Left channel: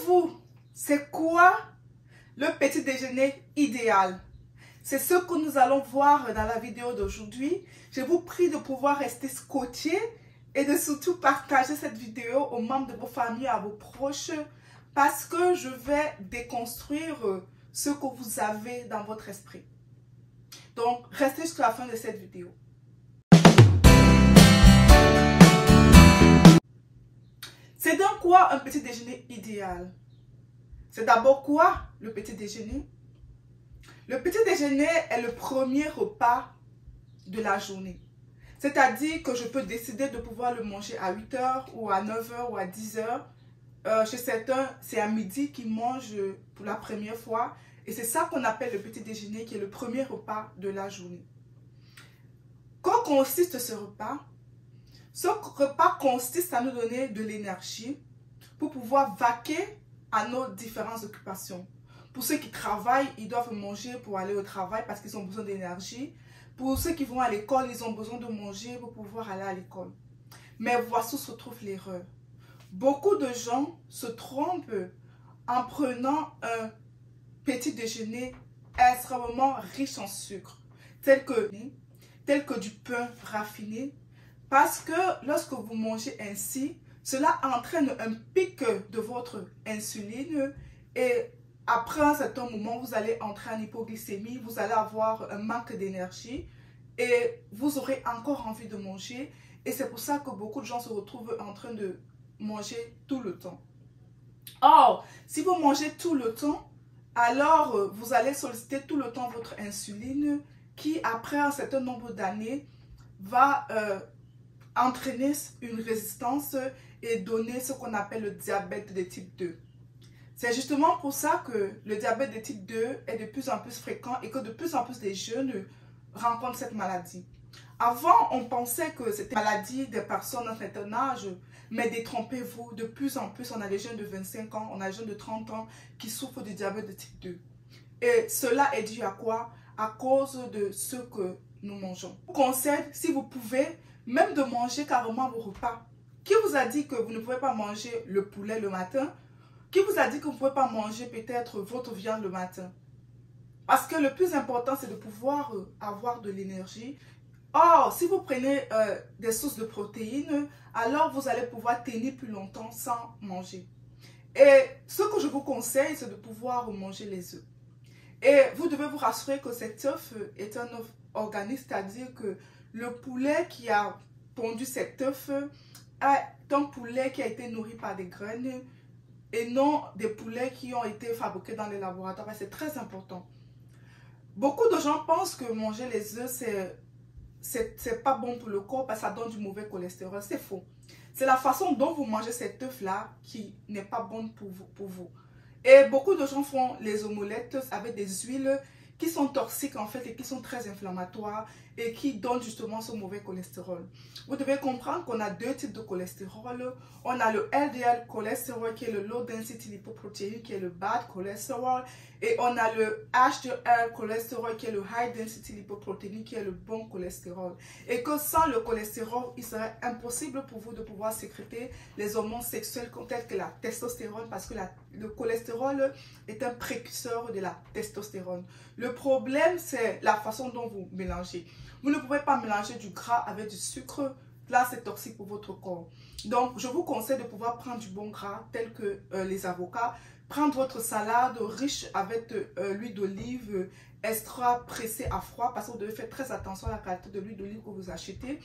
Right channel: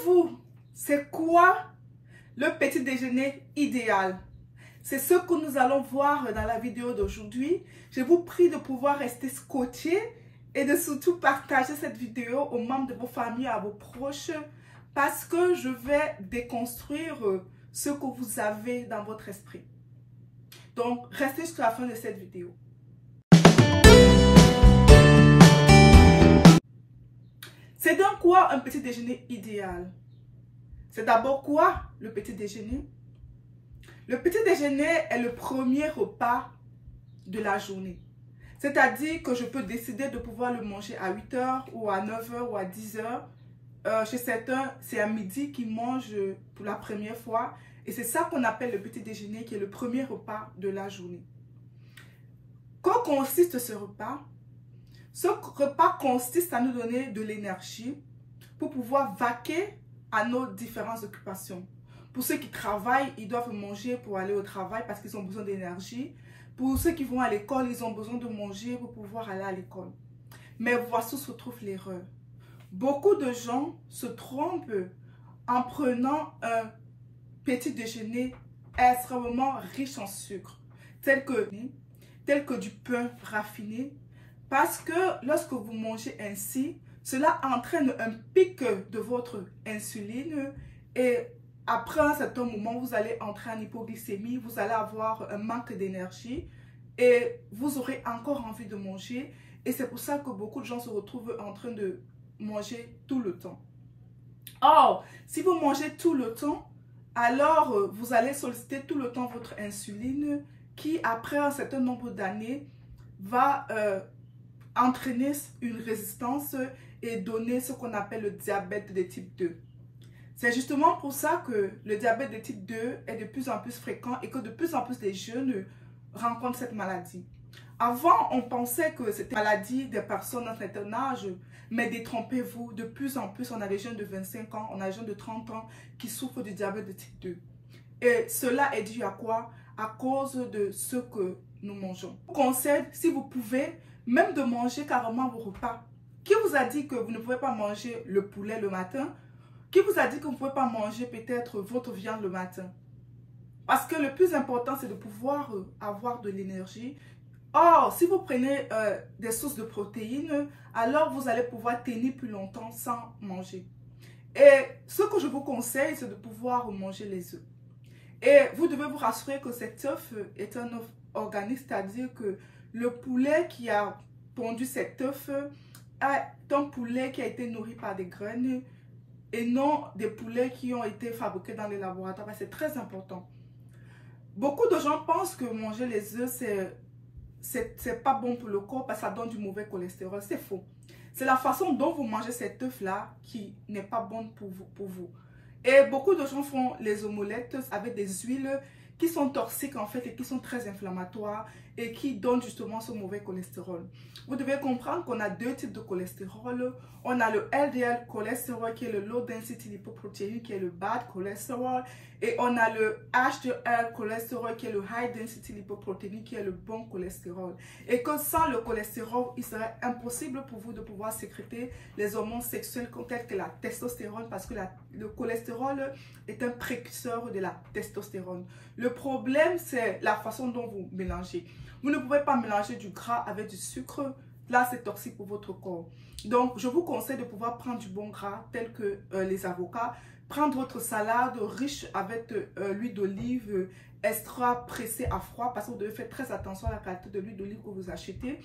savez-vous, c'est quoi le petit déjeuner idéal? C'est ce que nous allons voir dans la vidéo d'aujourd'hui. Je vous prie de pouvoir rester scotché et de surtout partager cette vidéo aux membres de vos familles, à vos proches, parce que je vais déconstruire ce que vous avez dans votre esprit. Donc, restez jusqu'à la fin de cette vidéo. C'est donc quoi un petit déjeuner idéal? C'est d'abord quoi le petit déjeuner? Le petit déjeuner est le premier repas de la journée. C'est-à-dire que je peux décider de pouvoir le manger à 8 h ou à 9 h ou à 10 h. Chez certains, c'est à midi qu'ils mangent pour la première fois. Et c'est ça qu'on appelle le petit déjeuner, qui est le premier repas de la journée. Qu'en consiste ce repas? Ce repas consiste à nous donner de l'énergie pour pouvoir vaquer à nos différentes occupations. Pour ceux qui travaillent, ils doivent manger pour aller au travail parce qu'ils ont besoin d'énergie. Pour ceux qui vont à l'école, ils ont besoin de manger pour pouvoir aller à l'école. Mais voici où se trouve l'erreur. Beaucoup de gens se trompent en prenant un petit déjeuner extrêmement riche en sucre, tel que du pain raffiné, parce que lorsque vous mangez ainsi, cela entraîne un pic de votre insuline et après un certain moment, vous allez entrer en hypoglycémie, vous allez avoir un manque d'énergie et vous aurez encore envie de manger. Et c'est pour ça que beaucoup de gens se retrouvent en train de manger tout le temps. Or, si vous mangez tout le temps, alors vous allez solliciter tout le temps votre insuline qui, après un certain nombre d'années, va entraîner une résistance et donner ce qu'on appelle le diabète de type 2. C'est justement pour ça que le diabète de type 2 est de plus en plus fréquent et que de plus en plus de jeunes rencontrent cette maladie. Avant, on pensait que c'était une maladie des personnes d'un certain âge, mais détrompez-vous, de plus en plus, on a des jeunes de 25 ans, on a des jeunes de 30 ans qui souffrent du diabète de type 2. Et cela est dû à quoi? À cause de ce que nous mangeons. Je vous conseille, si vous pouvez, même de manger carrément vos repas. Qui vous a dit que vous ne pouvez pas manger le poulet le matin? Qui vous a dit que vous ne pouvez pas manger peut-être votre viande le matin? Parce que le plus important, c'est de pouvoir avoir de l'énergie. Or, si vous prenez des sources de protéines, alors vous allez pouvoir tenir plus longtemps sans manger. Et ce que je vous conseille, c'est de pouvoir manger les œufs. Et vous devez vous rassurer que cet œuf est un œuf organique, c'est-à-dire que le poulet qui a pondu cet œuf est un poulet qui a été nourri par des graines et non des poulets qui ont été fabriqués dans les laboratoires. C'est très important. Beaucoup de gens pensent que manger les œufs, c'est pas bon pour le corps parce que ça donne du mauvais cholestérol. C'est faux. C'est la façon dont vous mangez cet œuf-là qui n'est pas bonne pour vous. Et beaucoup de gens font les omelettes avec des huiles qui sont toxiques en fait et qui sont très inflammatoires et qui donnent justement ce mauvais cholestérol. Vous devez comprendre qu'on a deux types de cholestérol. On a le LDL cholestérol qui est le low density lipoprotein qui est le bad cholestérol et on a le HDL cholestérol qui est le high density lipoprotein qui est le bon cholestérol. Et que sans le cholestérol, il serait impossible pour vous de pouvoir sécréter les hormones sexuelles telles que la testostérone parce que le cholestérol est un précurseur de la testostérone. Le problème, c'est la façon dont vous mélangez. Vous ne pouvez pas mélanger du gras avec du sucre. Là, c'est toxique pour votre corps. Donc, je vous conseille de pouvoir prendre du bon gras, tel que les avocats. Prendre votre salade riche avec l'huile d'olive extra pressée à froid, parce que vous devez faire très attention à la qualité de l'huile d'olive que vous achetez.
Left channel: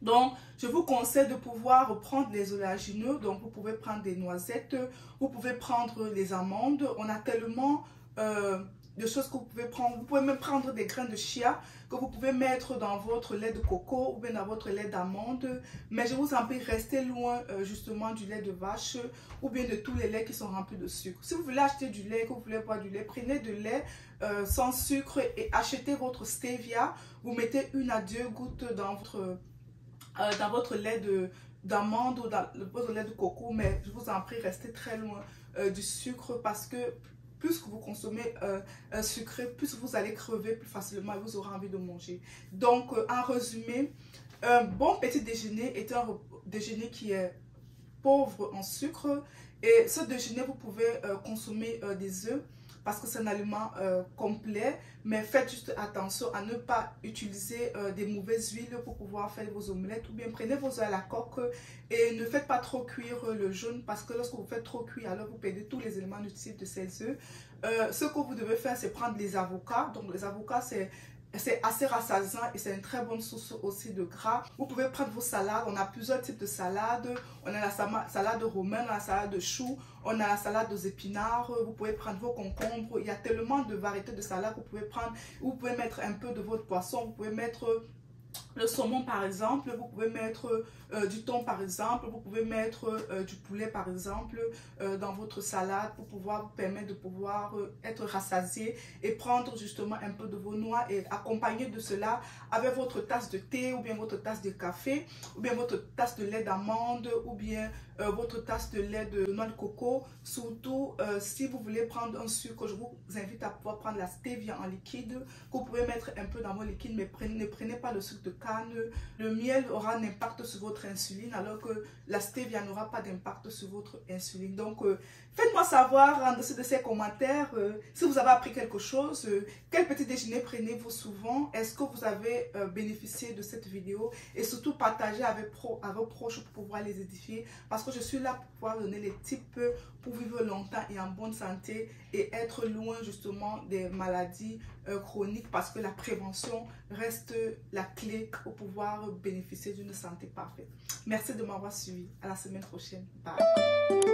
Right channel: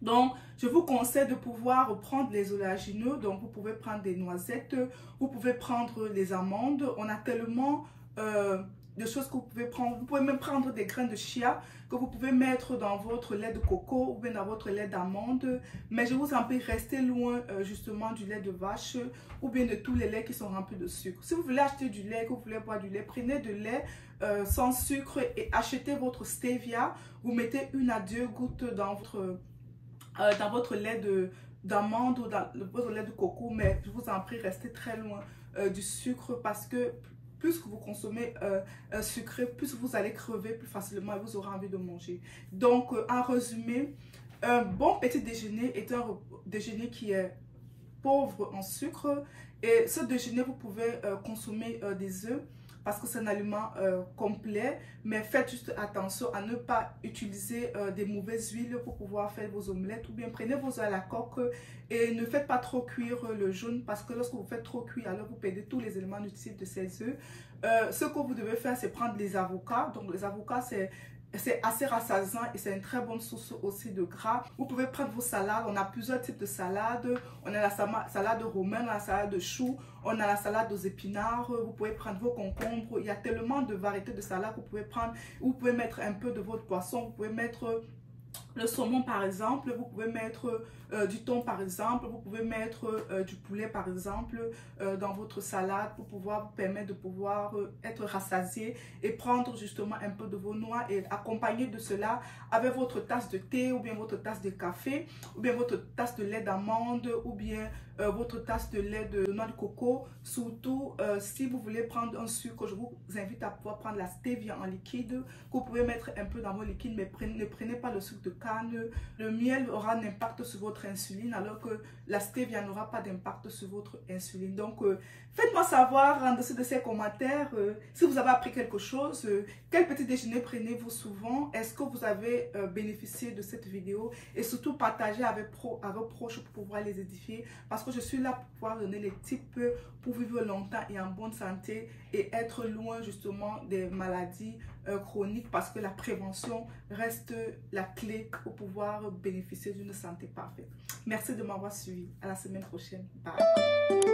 Donc, je vous conseille de pouvoir prendre les oléagineux. Donc, vous pouvez prendre des noisettes, vous pouvez prendre les amandes. On a tellement de choses que vous pouvez prendre. Vous pouvez même prendre des graines de chia que vous pouvez mettre dans votre lait de coco ou bien dans votre lait d'amande. Mais je vous en prie, restez loin justement du lait de vache ou bien de tous les laits qui sont remplis de sucre. Si vous voulez acheter du lait, que vous voulez boire du lait, prenez de lait sans sucre et achetez votre stevia. Vous mettez 1 à 2 gouttes dans votre lait d'amande ou dans votre lait de coco. Mais je vous en prie, restez très loin du sucre parce que plus que vous consommez sucré, plus vous allez crever plus facilement et vous aurez envie de manger. Donc, en résumé, un bon petit déjeuner est un déjeuner qui est pauvre en sucre. Et ce déjeuner, vous pouvez consommer des œufs parce que c'est un aliment complet. Mais faites juste attention à ne pas utiliser des mauvaises huiles pour pouvoir faire vos omelettes. Ou bien prenez vos œufs à la coque et ne faites pas trop cuire le jaune parce que lorsque vous faites trop cuire, alors vous perdez tous les éléments nutritifs de ces œufs. Ce que vous devez faire, c'est prendre les avocats. Donc les avocats, c'est assez rassasiant et c'est une très bonne source aussi de gras. Vous pouvez prendre vos salades. On a plusieurs types de salades. On a la salade romaine, on a la salade de choux, on a la salade aux épinards. Vous pouvez prendre vos concombres. Il y a tellement de variétés de salades que vous pouvez prendre. Vous pouvez mettre un peu de votre poisson. Vous pouvez mettre le saumon par exemple, vous pouvez mettre du thon par exemple, vous pouvez mettre du poulet par exemple dans votre salade pour pouvoir vous permettre de pouvoir être rassasié et prendre justement un peu de vos noix et accompagner de cela avec votre tasse de thé ou bien votre tasse de café ou bien votre tasse de lait d'amande ou bien votre tasse de lait de noix de coco. Surtout si vous voulez prendre un sucre, je vous invite à pouvoir prendre la stevia en liquide que vous pouvez mettre un peu dans vos liquides, mais ne prenez pas le sucre de canne. Le miel aura un impact sur votre insuline alors que la stevia n'aura pas d'impact sur votre insuline. Donc faites-moi savoir en dessous de ces commentaires si vous avez appris quelque chose, quel petit déjeuner prenez-vous souvent, est-ce que vous avez bénéficié de cette vidéo et surtout partagez avec vos proches pour pouvoir les édifier parce que je suis là pour pouvoir donner les tips pour vivre longtemps et en bonne santé et être loin justement des maladies chroniques parce que la prévention reste la clé pour pouvoir bénéficier d'une santé parfaite. Merci de m'avoir suivi. À la semaine prochaine. Bye.